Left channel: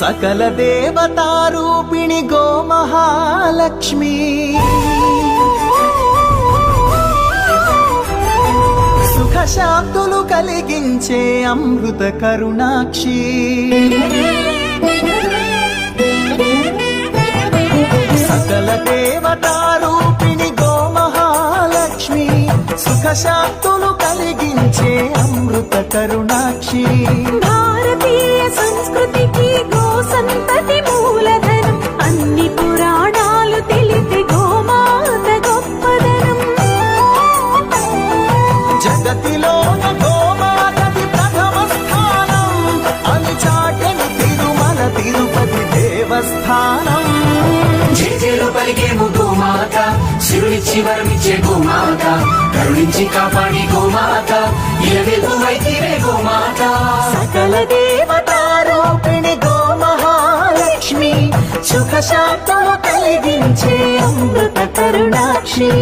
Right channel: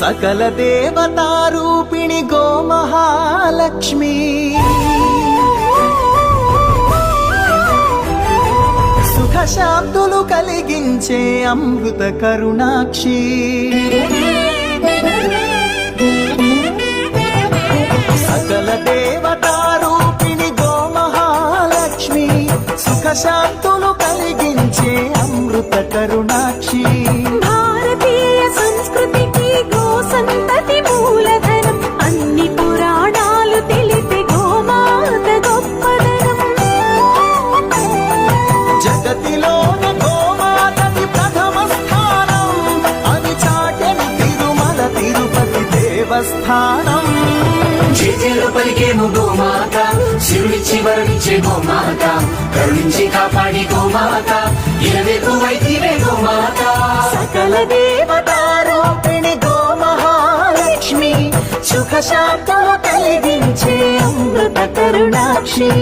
సకల దేవతారూపిణి గోమహాలక్ష్మి సుఖ శాంతులు కలిగించే అమృత కరుణాక్షి సకల దేవతారూపిణి గోమహాలక్ష్మి సుఖ శాంతులు కలిగించే అమృత కరుణాక్షి భారతీయ సంస్కృతికి గో సంతతి మూలధనం అన్ని పురాణాలు తెలిపే గోమాత గొప్పదనం జగతిలోన గోమాతది ప్రథమ స్థానం అని చాటెను తిరుమల తిరుపతి దేవస్థానం జేజేలు పలికేము గోమాత శివుడిచ్చి వరమిచ్చే గోమాత కరుణించి కాపాడి గోమాత ఇరవెలు వైఖిరే గోమాత సకల దేవతారూపిణి గోమహాలక్ష్మి సుఖ శాంతులు కలిగించే అమృత కరుణాక్షి